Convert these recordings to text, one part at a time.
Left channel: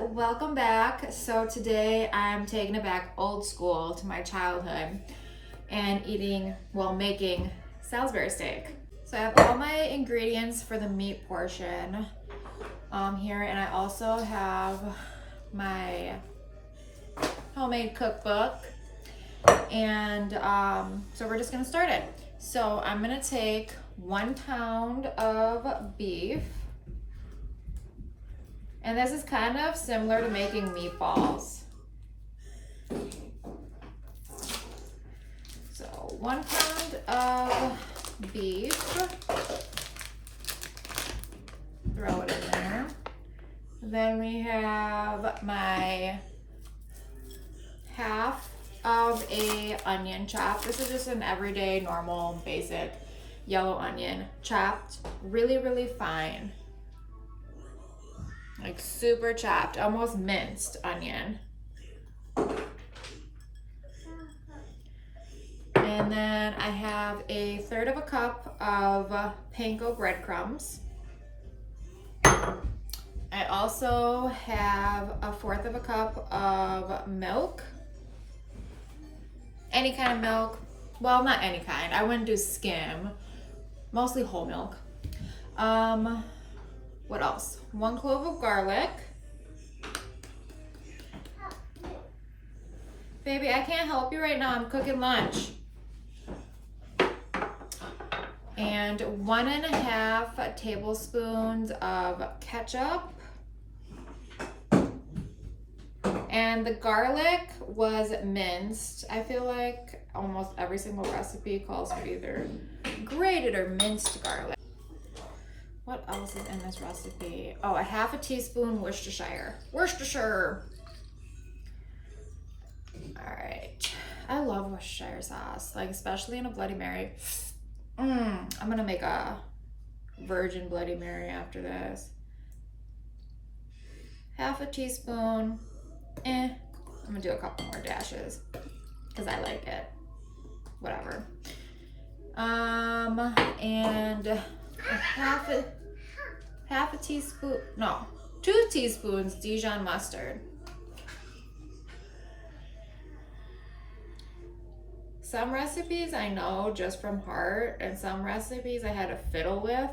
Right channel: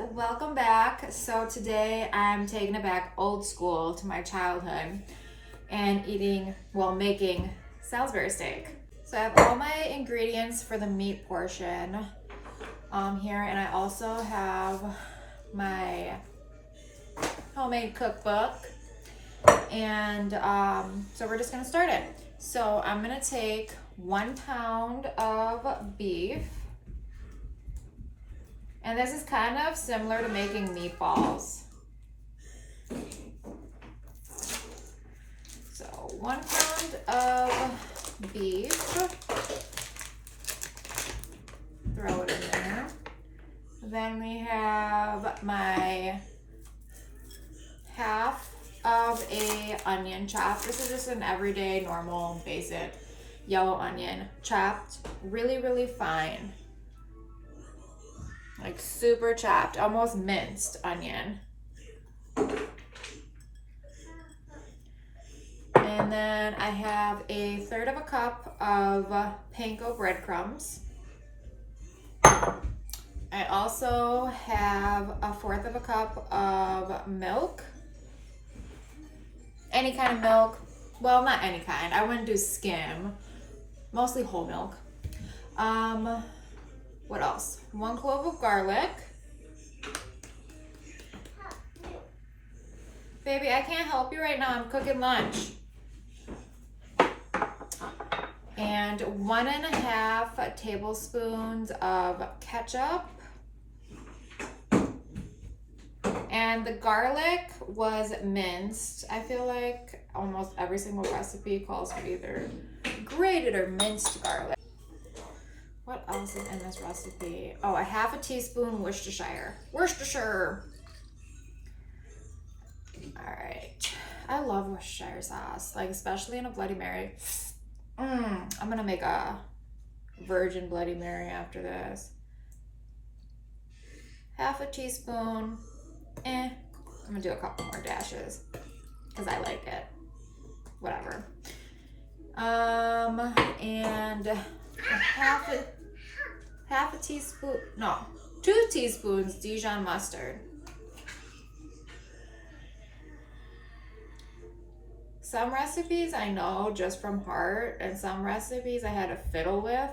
welcome back. So today I'm taking it back old school to my childhood and making Salisbury steak. So I have all my ingredients for the meat portion here, and I also have my homemade cookbook, and so we're just gonna start it. So I'm gonna take 1 pound of beef. And this is kind of similar to making meatballs. So 1 pound of beef. Throw it in there. Then we have my half of a onion chop. This is just an everyday, normal, basic yellow onion, chopped really, really fine. Like super chopped, almost minced onion. And then I have a 1/3 of a cup of panko breadcrumbs. I also have a 1/4 of a cup of milk. Any kind of milk. Well, not any kind. I wouldn't do skim. Mostly whole milk. What else? 1 clove of garlic. Baby, I can't help you right now. I'm cooking lunch. And 1.5 tablespoons of ketchup. And the garlic was minced. I feel like almost every single recipe calls for either grated or minced garlic. What else is in this recipe? Oh, 1/2 teaspoon Worcestershire. Worcestershire. All right. I love Worcestershire sauce, like especially in a Bloody Mary. I'm gonna make a virgin Bloody Mary after this. 1/2 teaspoon. I'm gonna do a couple more dashes because I like it. Whatever. And half a teaspoon, no, 2 teaspoons Dijon mustard. Some recipes I know just from heart, and some recipes I had to fiddle with,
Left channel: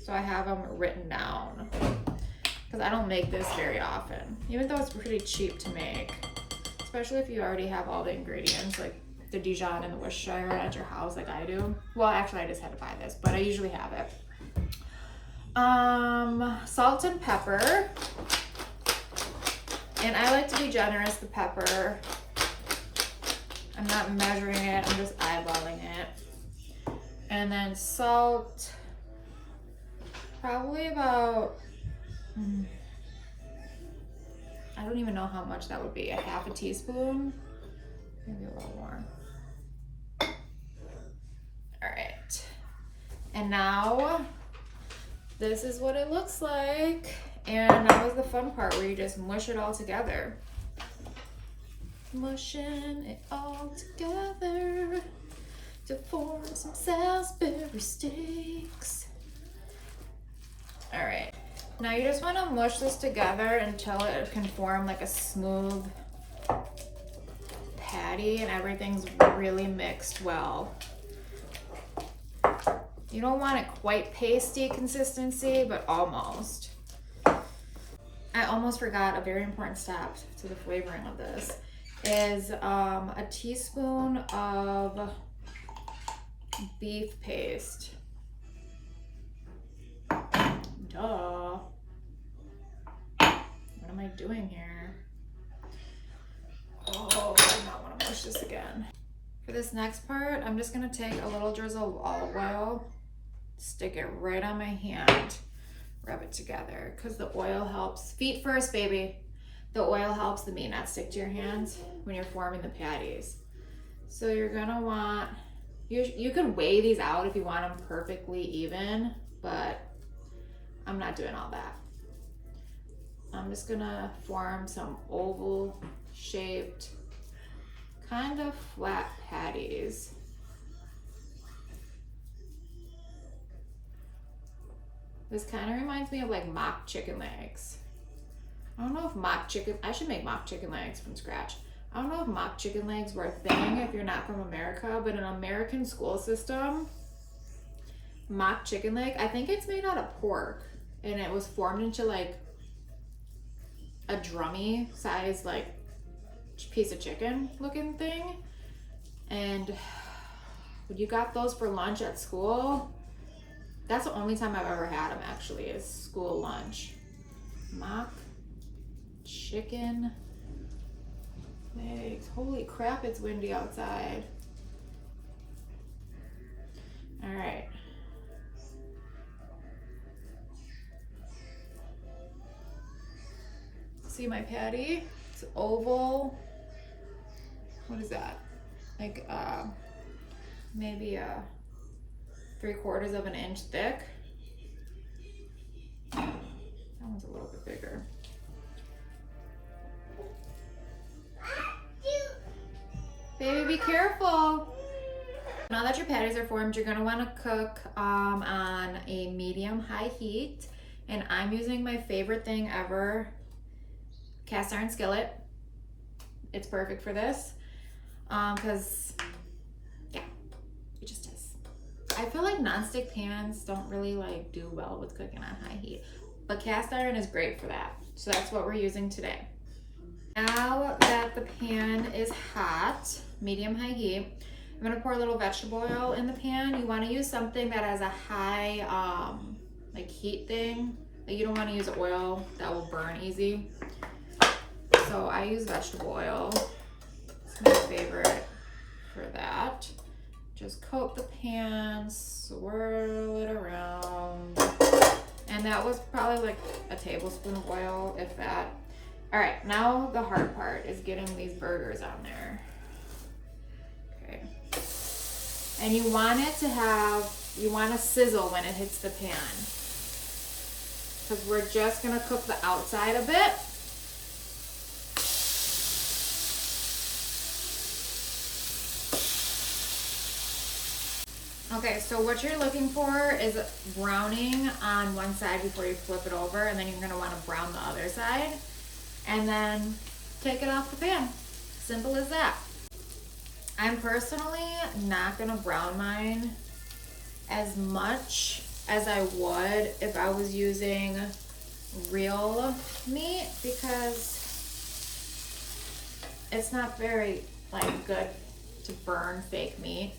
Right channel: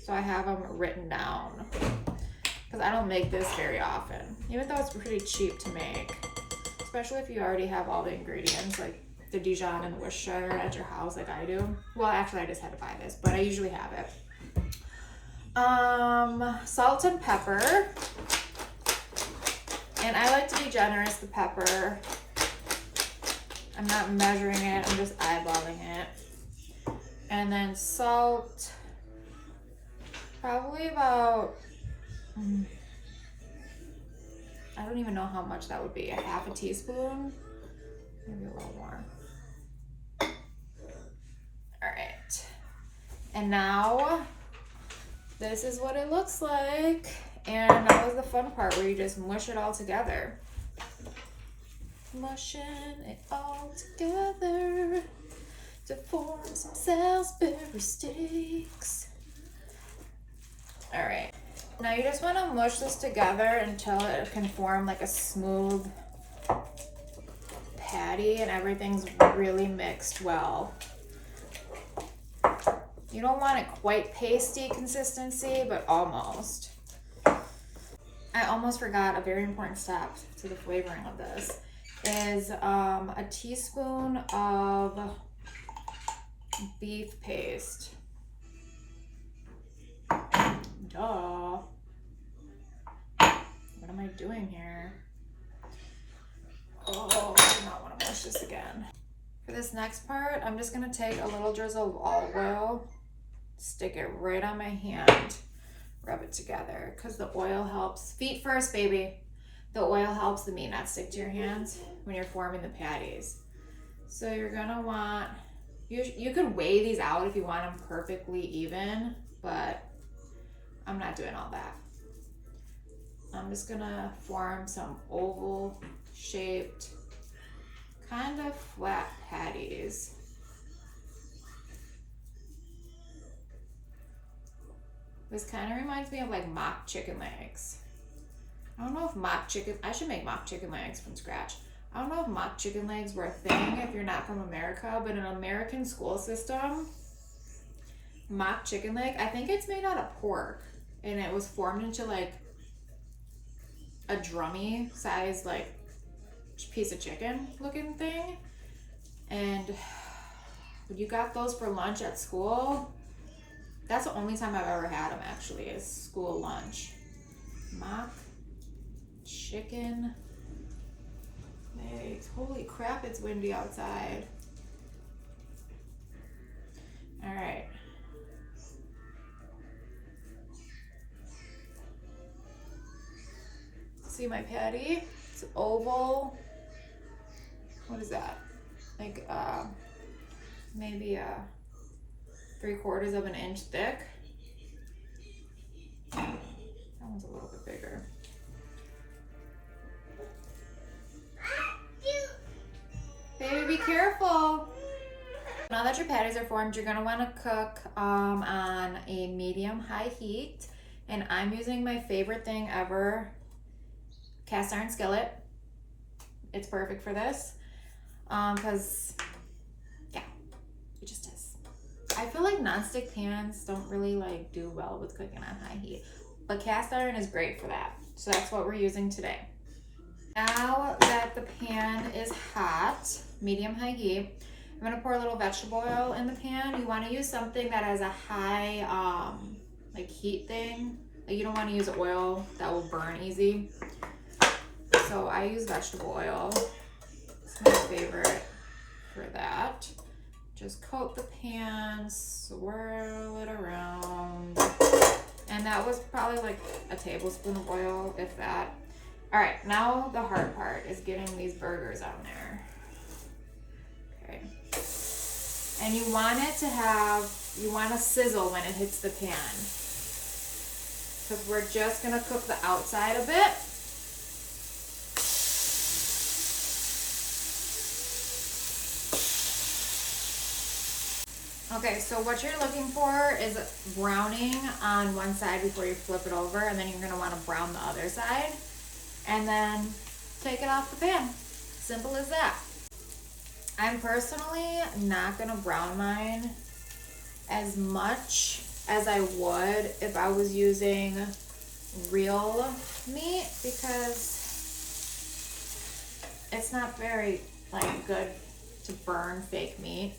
so I have them written down because I don't make this very often, even though it's pretty cheap to make, especially if you already have all the ingredients like the Dijon and the Worcestershire at your house like I do. Well, actually I just had to buy this, but I usually have it. Salt and pepper. And I like to be generous with pepper. I'm not measuring it, I'm just eyeballing it. And then salt, probably about, I don't even know how much that would be, 1/2 teaspoon, maybe a little more. All right, and now this is what it looks like. And that was the fun part where you just mush it all together. Mushing it all together to form some Salisbury steaks. All right, now you just want to mush this together until it can form like a smooth patty and everything's really mixed well. You don't want it quite pasty consistency, but almost. I almost forgot a very important step to the flavoring of this is a teaspoon of beef paste. Duh. What am I doing here? Oh, I do not want to mush this again. For this next part, I'm just gonna take a little drizzle of olive oil, stick it right on my hand, rub it together, because the oil helps. Feet first, baby. The oil helps the meat not stick to your hands when you're forming the patties. So you're gonna want, you can weigh these out if you want them perfectly even, but I'm not doing all that. I'm just gonna form some oval shaped, kind of flat patties. This kind of reminds me of like mock chicken legs. I don't know if mock chicken, I should make mock chicken legs from scratch. I don't know if mock chicken legs were a thing if you're not from America, but in an American school system, mock chicken leg, I think it's made out of pork, and it was formed into like a drummy size like piece of chicken looking thing. And when you got those for lunch at school, that's the only time I've ever had them actually, is school lunch. Mock chicken legs. Holy crap, it's windy outside. All right. See my patty? It's oval. What is that? Like maybe 3/4 of an inch thick. That one's a little bit bigger. Baby, be careful. Now that your patties are formed, you're gonna wanna cook on a medium-high heat. And I'm using my favorite thing ever, cast iron skillet. It's perfect for this. Because, yeah, it just is. I feel like nonstick pans don't really like do well with cooking on high heat, but cast iron is great for that. So that's what we're using today. Now that the pan is hot, medium-high heat, I'm gonna pour a little vegetable oil in the pan. You wanna use something that has a high like heat thing. Like you don't wanna use oil that will burn easy. So I use vegetable oil. It's my favorite for that. Just coat the pan, swirl it around. And that was probably like a tablespoon of oil, if that. All right, now the hard part is getting these burgers on there. Okay. And you want it to have, you want to sizzle when it hits the pan. Because we're just gonna cook the outside a bit. Okay, so what you're looking for is browning on one side before you flip it over, and then you're gonna wanna brown the other side, and then take it off the pan. Simple as that. I'm personally not gonna brown mine as much as I would if I was using real meat, because it's not very like good to burn fake meat.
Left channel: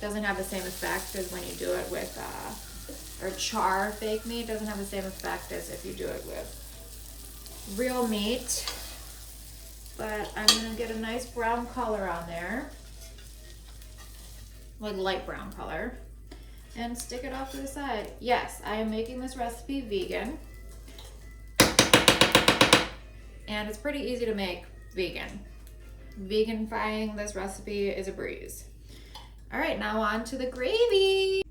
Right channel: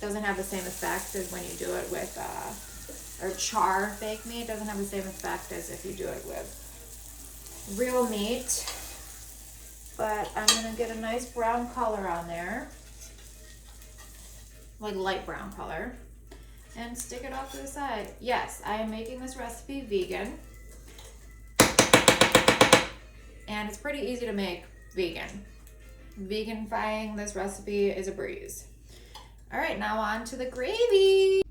Doesn't have the same effect as when you do it with or char fake meat. Doesn't have the same effect as if you do it with real meat. But I'm gonna get a nice brown color on there, like light brown color, and stick it off to the side. Yes, I am making this recipe vegan, and it's pretty easy to make vegan. Veganifying this recipe is a breeze. All right, now on to the gravy.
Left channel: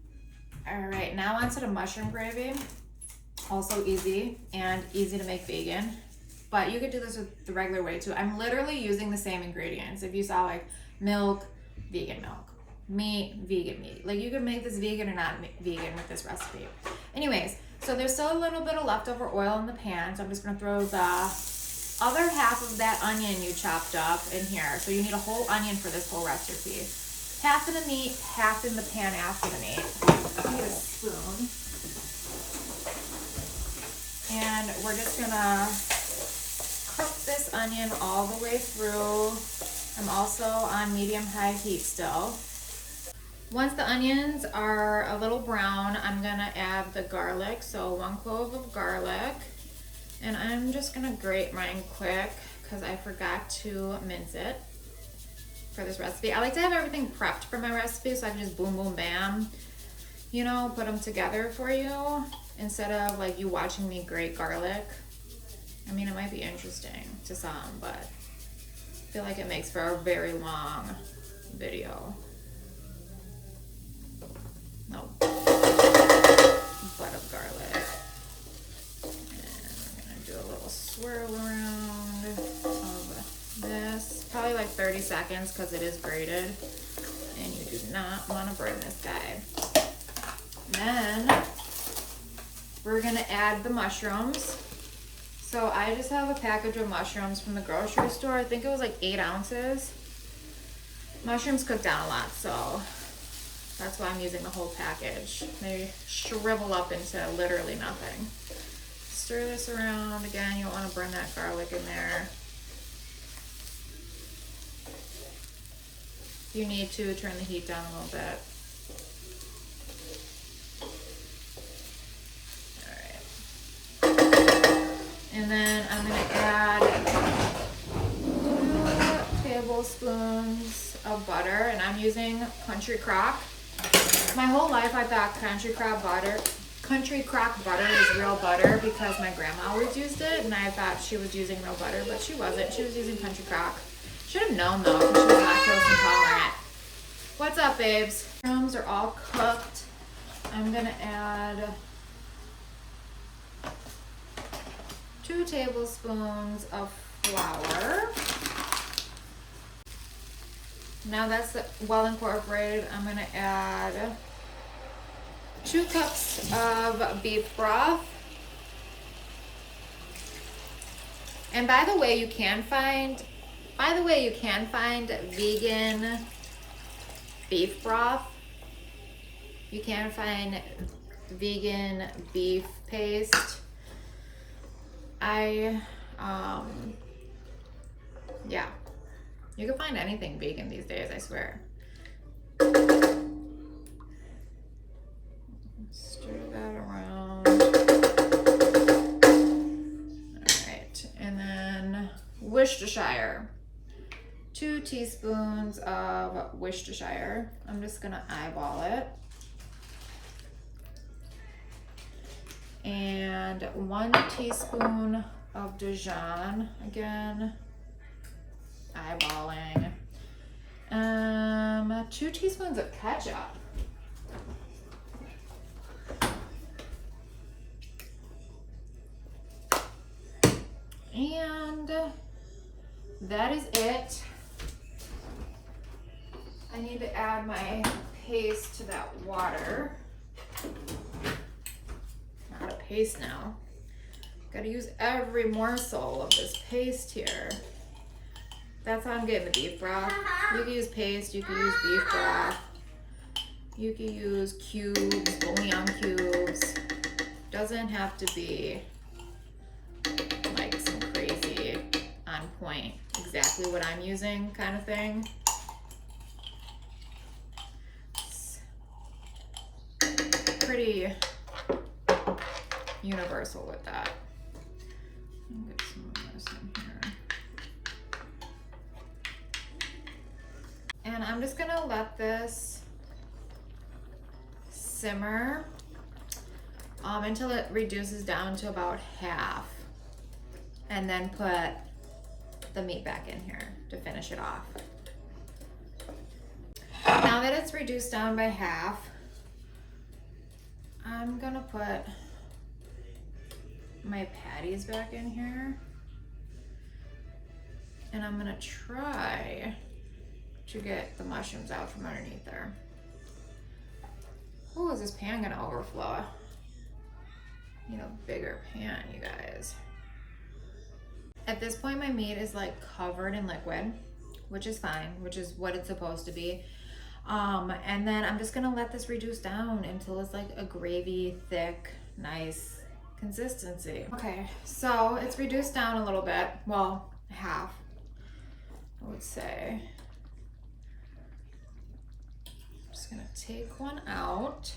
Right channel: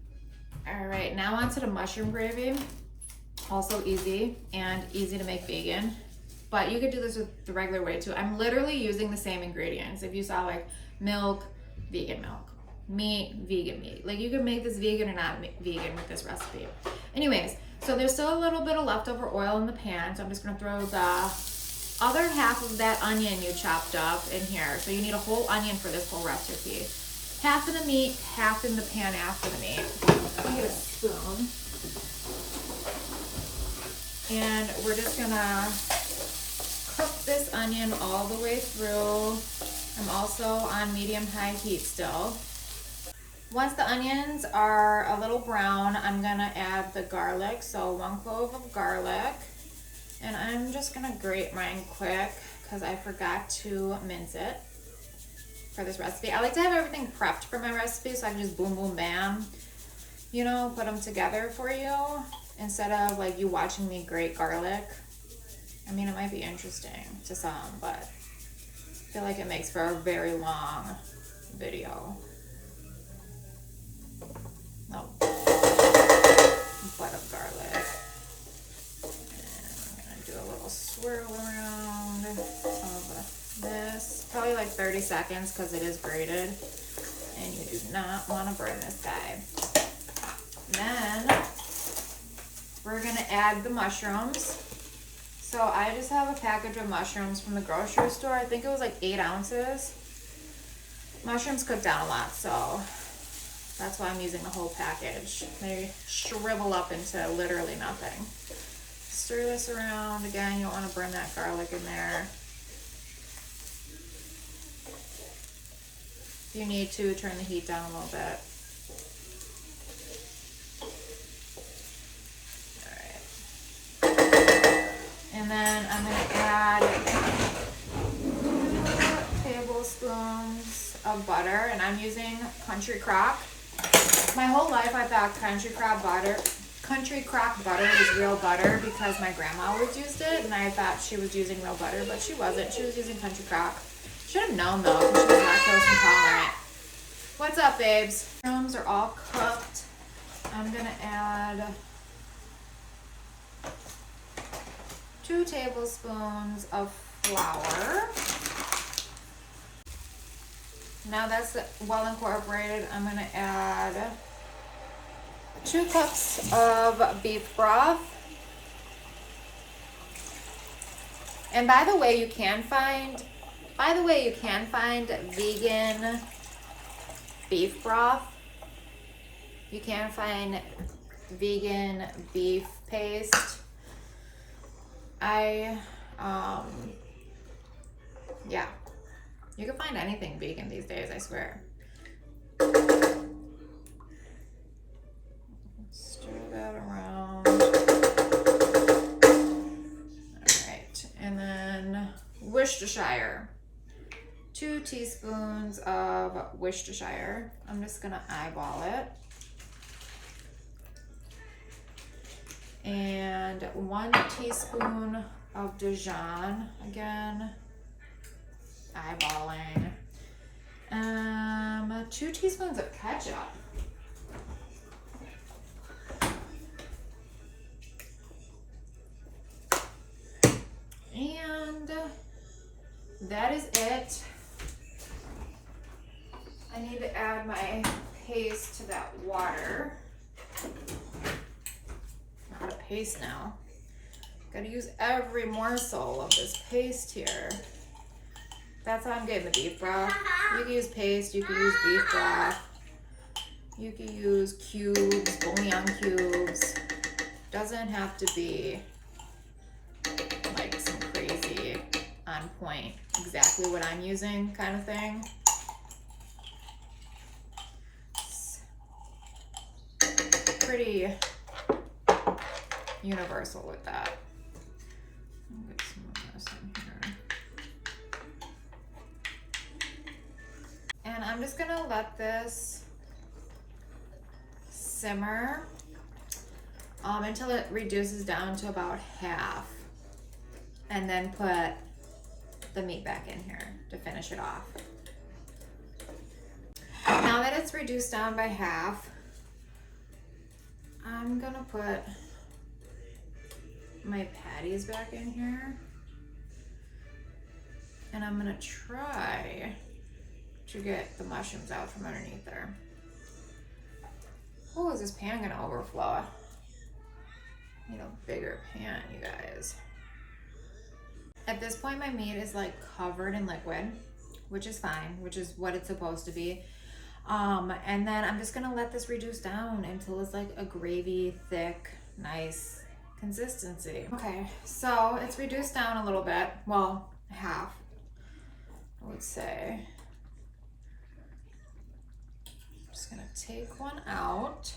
All right, now on to the mushroom gravy. Also easy and easy to make vegan, but you could do this with the regular way too. I'm literally using the same ingredients. If you saw like milk, vegan milk, meat, vegan meat. Like you can make this vegan or not vegan with this recipe. Anyways, so there's still a little bit of leftover oil in the pan, so I'm just gonna throw the other half of that onion you chopped up in here. So you need a whole onion for this whole recipe. Half in the meat, half in the pan after the meat. Let me get a spoon. And we're just gonna cook this onion all the way through. I'm also on medium-high heat still. Once the onions are a little brown, I'm gonna add the garlic. So 1 clove of garlic. And I'm just gonna grate mine quick because I forgot to mince it for this recipe. I like to have everything prepped for my recipe so I can just boom, boom, bam, you know, put them together for you instead of like you watching me grate garlic. I mean, it might be interesting to some, but I feel like it makes for a very long video. No, butt of garlic. And we're gonna do a little swirl around of this, probably like 30 seconds because it is grated and you do not want to burn this guy. Then we're gonna add the mushrooms. So I just have a package of mushrooms from the grocery store. I think it was like 8 ounces. Mushrooms cook down a lot, so that's why I'm using the whole package. They shrivel up into literally nothing. Stir this around. Again, you don't want to burn that garlic in there. If you need to, turn the heat down a little bit. And then I'm going to add 2 tablespoons of butter, and I'm using Country Crock. My whole life I thought Country Crock butter was real butter because my grandma always used it, and I thought she was using real butter, but she wasn't. She was using Country Crock. Should have known though, because she was lactose intolerant. What's up, babes? Mushrooms are all cooked. I'm going to add 2 tablespoons of flour. Now that's well incorporated, I'm going to add 2 cups of beef broth. And by the way, you can find vegan beef broth. You can find vegan beef paste. Yeah, you can find anything vegan these days, I swear. Stir that around. All right, and then Worcestershire. 2 teaspoons of Worcestershire. I'm just gonna eyeball it. And 1 teaspoon of Dijon, again, eyeballing. 2 teaspoons of ketchup. And that is it. I need to add my paste to that water. Not a paste now. Gotta use every morsel of this paste here. That's how I'm getting the beef broth. You can use paste, you can use beef broth, you can use cubes, bouillon cubes. Doesn't have to be like some crazy on point, exactly what I'm using kind of thing. It's pretty universal with that. I'll get some of this in here. And I'm just gonna let this simmer until it reduces down to about half, and then put the meat back in here to finish it off. Now that it's reduced down by half, I'm gonna put my patties back in here, and I'm gonna try to get the mushrooms out from underneath there. Oh, is this pan gonna overflow? Need a bigger pan, you guys. At this point, my meat is like covered in liquid, which is fine, which is what it's supposed to be. And then I'm just gonna let this reduce down until it's like a gravy, thick, nice consistency. Okay, so it's reduced down a little bit. Well, half, I would say. I'm just gonna take one out.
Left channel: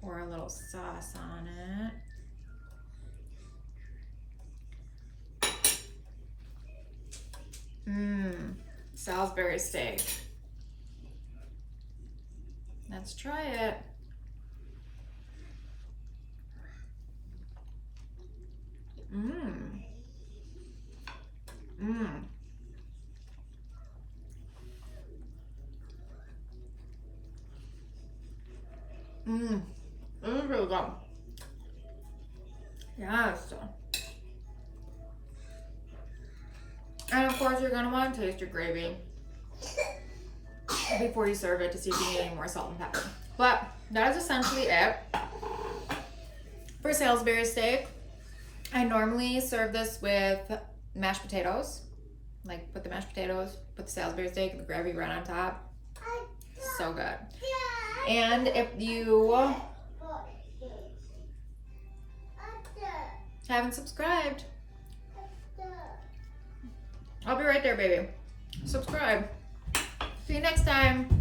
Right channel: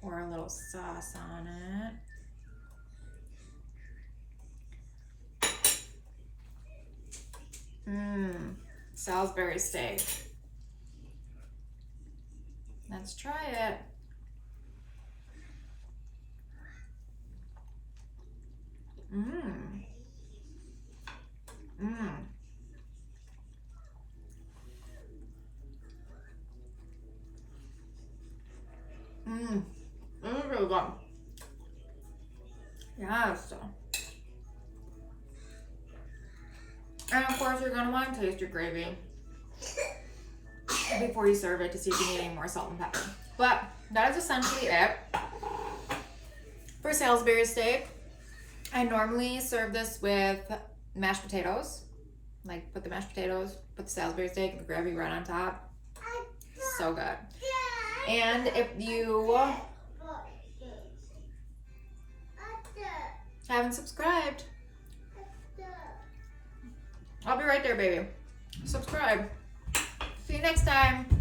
Pour a little sauce on it. Salisbury steak. Let's try it. This is really good. Yes. And of course, you're gonna want to taste your gravy before you serve it to see if you need any more salt and pepper. But that is essentially it for Salisbury steak. I normally serve this with mashed potatoes. Like put the mashed potatoes, put the Salisbury steak and the gravy right on top. So good. And if you haven't subscribed, I'll be right there, baby. Subscribe. See you next time.